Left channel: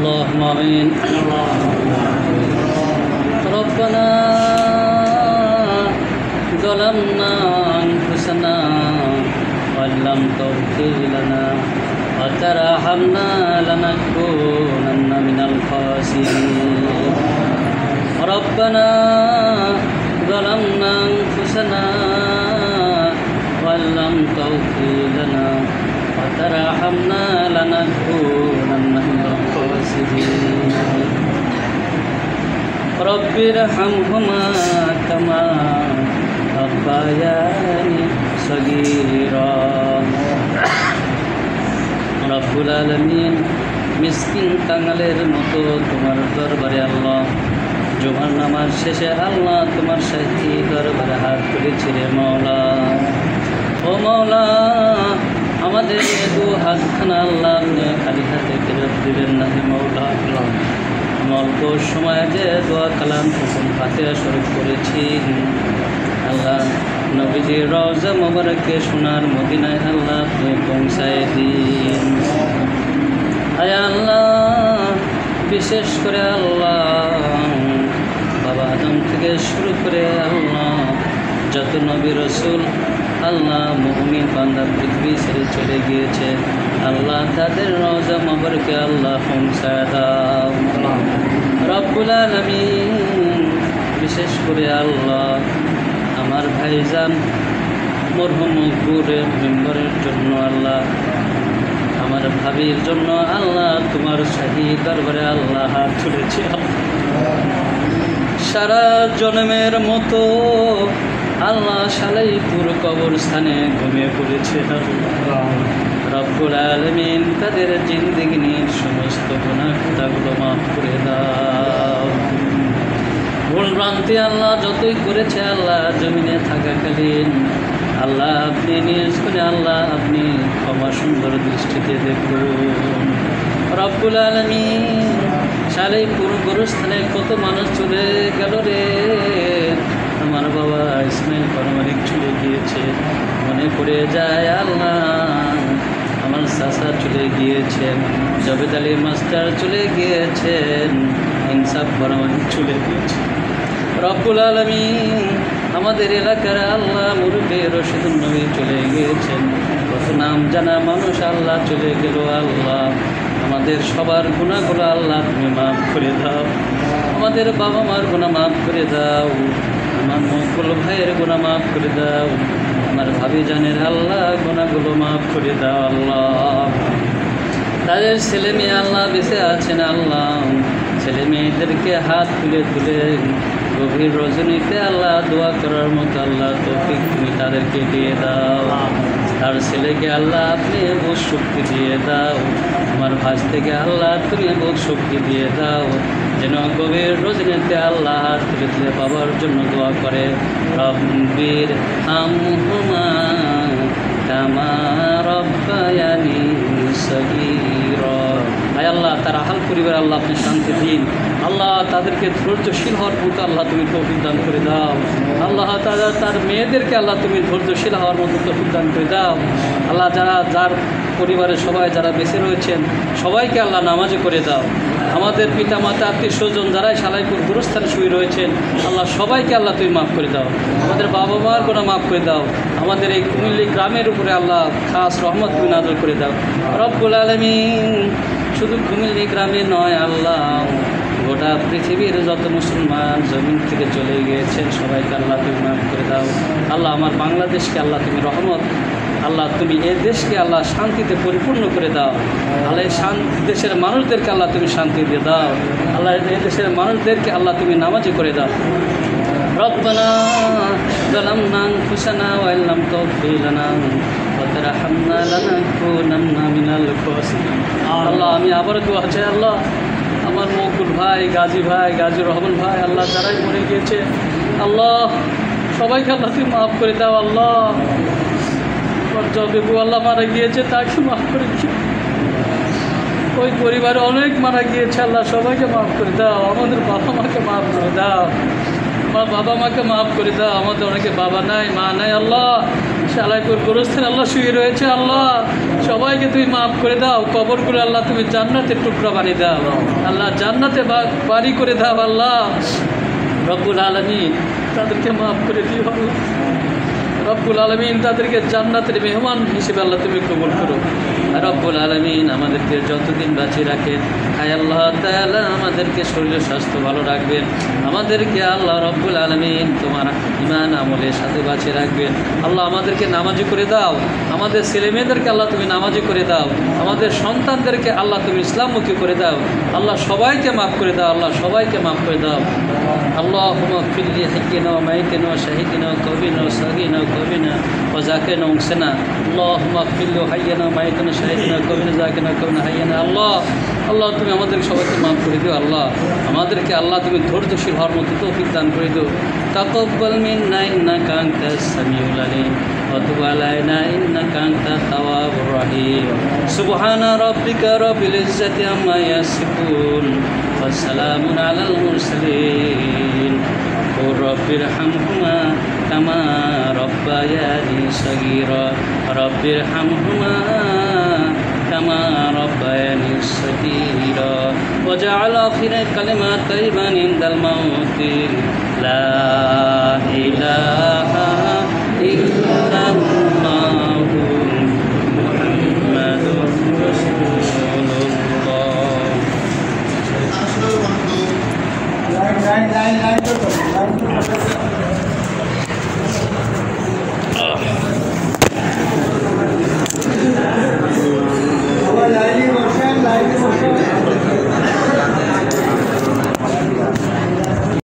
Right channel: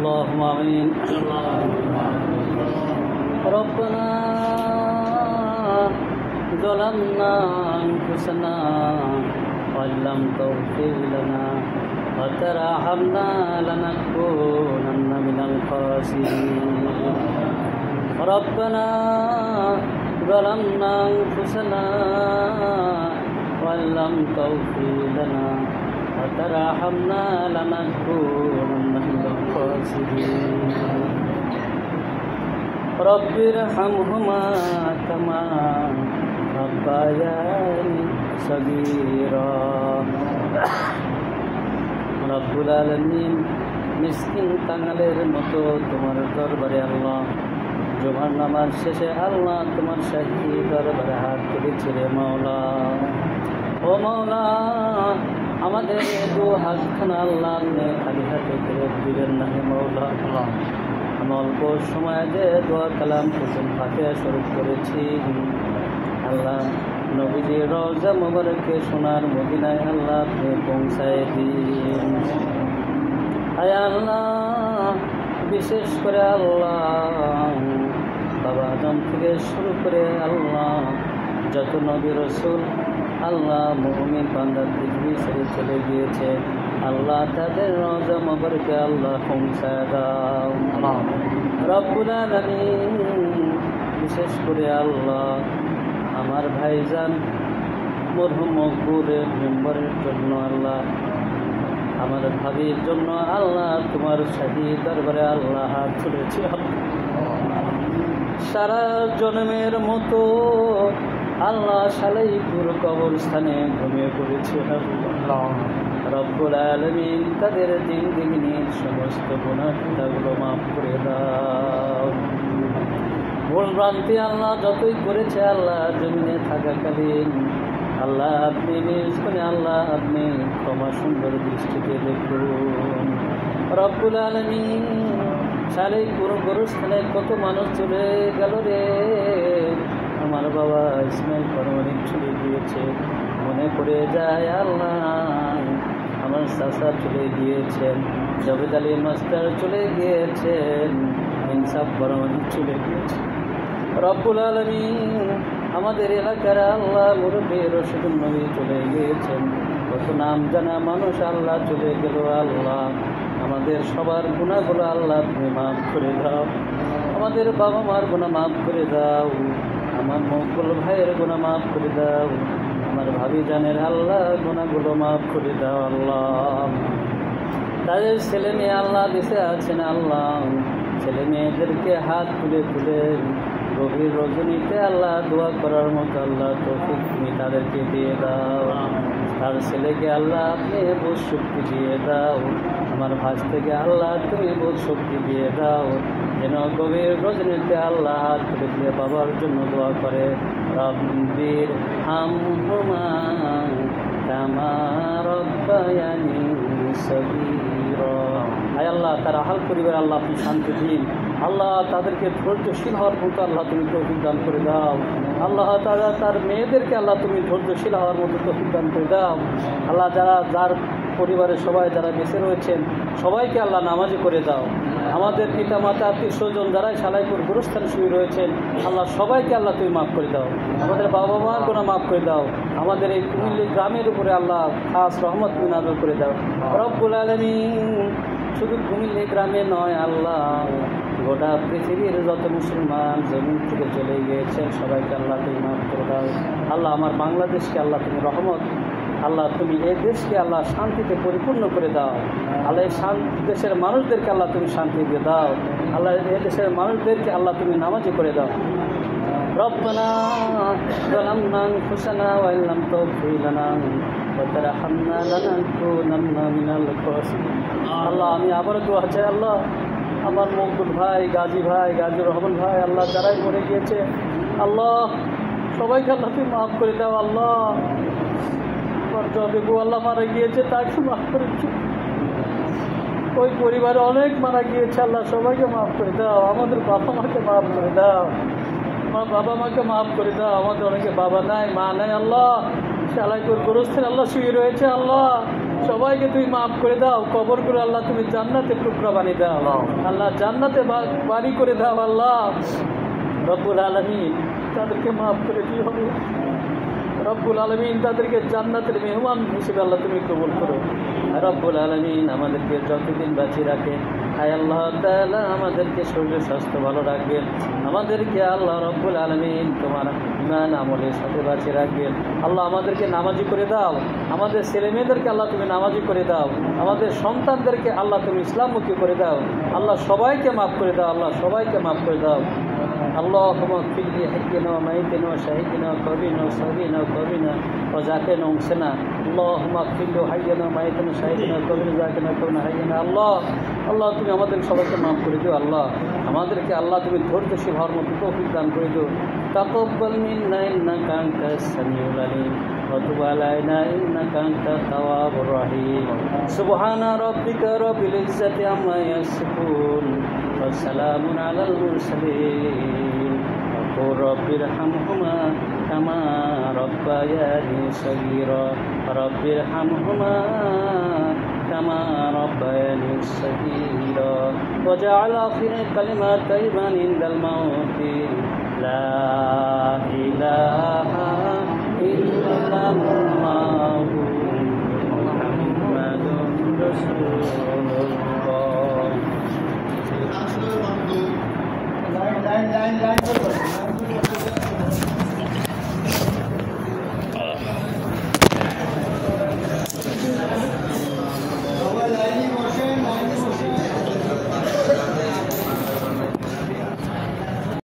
اللهم آمين ربنا ظلمنا أنفسنا وإن لم تغفر لنا وترحمنا لنكونن من الخاسرين ربنا ظلمنا أنفسنا وإن لم تغفر لنا وترحمنا لنكونن من الخاسرين رب ارحمهما كما ربياني صغيرا রব্বুল আলামিন মিসকিন কাঙালের মতো তোমার দরবারে আল্লাহ জুমার নামাজ শেষে আল্লাহ তোমার শাহী দরবারে হাত তুলেছি রে মাওলা। ও মাওলা, আমাদের দু হাতখানা আল্লাহ আপনি খালি হাতে ফেরত দিবেন না হে মাওলা। অল্প সময় যে দোয়া কালাম ফাতিহা শুরু করেছি আল্লাহ নবীজির রওজা মোবারকে সোনার মদিনায় আল্লাহ আপনি পৌঁছায় দিন। আয় আল্লাহ, বিশেষ করে আল্লাহ বাবা আদম থেকে শুরু করে আল্লাহ যত নবী রসুল আল্লাহ মুমিন বান্দা পৃথিবী ছেড়ে চলে গিয়েছে আল্লাহ তাদের রওজা মোবারকে আল্লাহ পৌঁছায় দাও রব্বুল আলামিন। বিশেষ করে আল্লাহ আমার ভাইজান মরহুম মকবুরের মেম্বরের জন্য আল্লাহ, আমার ভাবির জন্য আল্লাহ তোমার শাহী দরবারে আল্লাহ হাত তুলেছি। সারা জন্মের মতো আল্লাহ সালাইপুর কবরস্থানে ঘুমিয়ে পড়েছে রব্বুল আলামিন। তাদের জিন্দেগির সমস্ত গুনাহ খাতাগুলো মাফ করে দাও। ভুল ভ্রান্তি আল্লাহ যতই করেছে আল্লাহ জমিনে থাকাকালীন আল্লাহ আপনি নিজ করে আল্লাহ আপনি ক্ষমা সুন্দর দৃষ্টিতে দেখুন রব্বুল আলামিন। সালাইপুর গোরস্থানে কত মানুষ চলে গেল রে, আমার বাবা ইসমাইল পারমানিক চলে গিয়েছে, মনে পড়ে যায় আল্লাহ আমার চাচা চলে গিয়েছেন, জবেদ আলী মাস্টার চলে গিয়েছেন, ইনসাফ পারমানিক চলে গিয়েছে রব্বুল আলামিন। আমাদের এলাকার আল্লাহ মুরব্বী রশিদুল নবী চলে গিয়েছেন, নাম জানা মানুষ আল্লাহ চলে গেল আল্লাহ। আমাদের সবার গুনাহগুলো আল্লাহ তুমি মাফ করে দাও, আমাদের বাবা মার গুনাহ মাফ করে দাও, আমার মকুল ভাইয়ের গুনাহ মাফ করে দাও, আমার ভাবি জানের আল্লাহ গুনাহগুলো মাফ করে দাও আল্লাহ। তাদের ছেলে মেয়ে আল্লাহ বেঁচে আছেন আল্লাহ, ছেলে মেয়েদেরকে হাত তুলে তুলে গভীর রজনীতে আল্লাহ দোয়া করার মতো আল্লাহ তৌফিক তুমি তাদেরকে দিয়ে দাও। তার ছেলেকে আল্লাহ আপনি বুঝ শক্তি দিয়ে দাও, আমার ভাজ থেকে আল্লাহ তুমি বুঝ শক্তি দিয়ে দাও, যেন গভীর রজনীতে আল্লাহ হাত তুলে তুলে বাবার জন্য দোয়া করে রব্বির হামহুমা কামা রব্বায়ানি সগীরা। আয় আল্লাহ তার আহাল পরিবার আল্লাহ আপনি শান্তি দিন আল্লাহ, তাদেরকে ধৈর্যশীল হওয়ার মতো আল্লাহ তুমি তৌফিক দান করে দাও আল্লাহ। তার মেয়েদেরকে আল্লাহ তুমি ধৈর্যশীল হওয়ার মতো তৌফিক দান করে দাও আল্লাহ। যার পরিবারের সবাই যারা বেঁচে রয়েছেন সবাইকে আল্লাহ নামাজি করে দাও। আমাদের পিতা মাতা আত্মীয় স্বজন যারাই সালাইপুর গুরুস্থানে শুয়ে রয়েছেন আল্লাহ সবাইকে আল্লাহ তুমি মাফ করে দাও, আমাদের বাবা মার গুনাহ মাফ করে দাও, আমাদের এই কুমিল্লি গ্রামের উপরে আল্লাহ খাস রহমত তুমি নাযিল করে দাও রব্বুল আলামিন। শুধু কুমিল্লি গ্রামে নয় আল্লাহ, গোটা পৃথিবীর যত মুসলমান জমিন থেকে চলে গিয়েছেন সবাইকে আল্লাহ তুমি মাফ করে দাও আল্লাহ। আমার বাংলাদেশকে আল্লাহ তুমি রহমত আল্লাহ, তুমি এ দেশকে আল্লাহ শান্তিতে পরিপূর্ণ করে দাও আল্লাহ। দেশের মানুষদেরকে আল্লাহ তুমি শান্তি দিয়ে দাও আল্লাহ, এ দেশের মানুষদেরকে আল্লাহ তুমি নামাজি করে দাও। রব্বানা যালামনা আনফুসানা ওয়া ইন লাম তাগফির লানা ওয়া তারহামনা লানাকুনান্না মিনাল খাসিরিন। আল্লাহ আমি আবার দোয়া চাই আল্লাহ, আমার মকবুল ভাই, গাজী ভাই, গাজীর রহমান ভাই আল্লাহ যারাই মরে গিয়েছে আল্লাহ সবাইকে আল্লাহ তুমি মাফ করে দাও আল্লাহ। বেবু আল্লাহ মারা গিয়েছে তাকে মাফ করে দিও, ওই পরিবারে অনেক মারা গিয়েছে আল্লাহ সবাইকে মাফ করে দাও। আমাদের বাবা মাকে মাফ করে দাও, আমার বাবা মাকে মাফ করে দাও। আমাদের অনেকে বাবা নাই মা নাই আল্লাহ, সালাইপুর গোরস্থানে আল্লাহ শুয়ে রয়েছে আল্লাহ, সবাই সবাইকে তুমি মাফ করে দাও, কবরগুলো আল্লাহ তুমি জান্নাতের টুকরা বানিয়ে দাও, আল্লাহ জান্নাতে বাড়ি করে দাও আল্লাহ রব্বুল আলামিন, তাদেরকে মাফ করে দিও রব্বুল আলামিন, তাদেরকে জান্নাতের মেহমান হিসেবে আল্লাহ তুমি কবুল করো রব্বুল আলামিন। আমাদেরকে যতদিন বাঁচিয়ে রাখেন আয় আল্লাহ তাআলা, আমাদেরকে শরীর স্বাস্থ্য ভালো রাখবেন, আমাদেরকে আল্লাহ রব্বুল আলামিন তোমার ঈমান আমলের সাথে বাঁচিয়ে রাখবেন আল্লাহ। আমাদেরকে নামাজি করে দাও, আমাদের ছেলেমেয়েদেরকে আল্লাহ তুমি নামাজি করে দাও, আমাদের সন্তানদেরকে আল্লাহ তুমি ইসলামমুখী করে দাও আল্লাহ। সবাইকে মাফ করে দাও আল্লাহ, সবাইকে মাফ করে দাও আল্লাহুম্মা ইগফির লি হাইয়িনা ওয়া মাইয়িতিনা ওয়া শাহিদিনা ওয়া কাবিনা ওয়া সাগীনা ওয়া কাবিনা ওয়া যাকিনা ওয়া উনসিনা। আল্লাহুম্মা ইগফির লি হাইয়িনা ওয়া মাইয়িতিনা শাহিদিনা ওয়া কাবিনা যাকিনা ওয়া কাবিনা হাইয়িনা। আল্লাহ আল্লাহ তুমি আমাদেরকে সবাইকে মাফ করে দিও আল্লাহ, আমাদেরকে আল্লাহ তুমি ধৈর্যশীল হওয়ার মতো তৌফিক দান করে দিও। তাকাব্বাল মিন্না ইন্নাকা আনতাস সামিউল আলিম ওয়া তুব আলাইনা ইন্নাকা আনতাত তাওয়াবুর রহিম। সুবহানা রাব্বিকা রাব্বিল ইজ্জাতি আম্মা ইয়াসিফুন ওয়া সালামুন আলাল মুরসালিন ওয়া রাব্বিরহামহুমা কামা রাব্বায়ানি সগীরা। রাব্বিরহামহুমা কামা রাব্বায়ানি সগীরা وجعل آخر كلمة طيبا عند الموت لا إله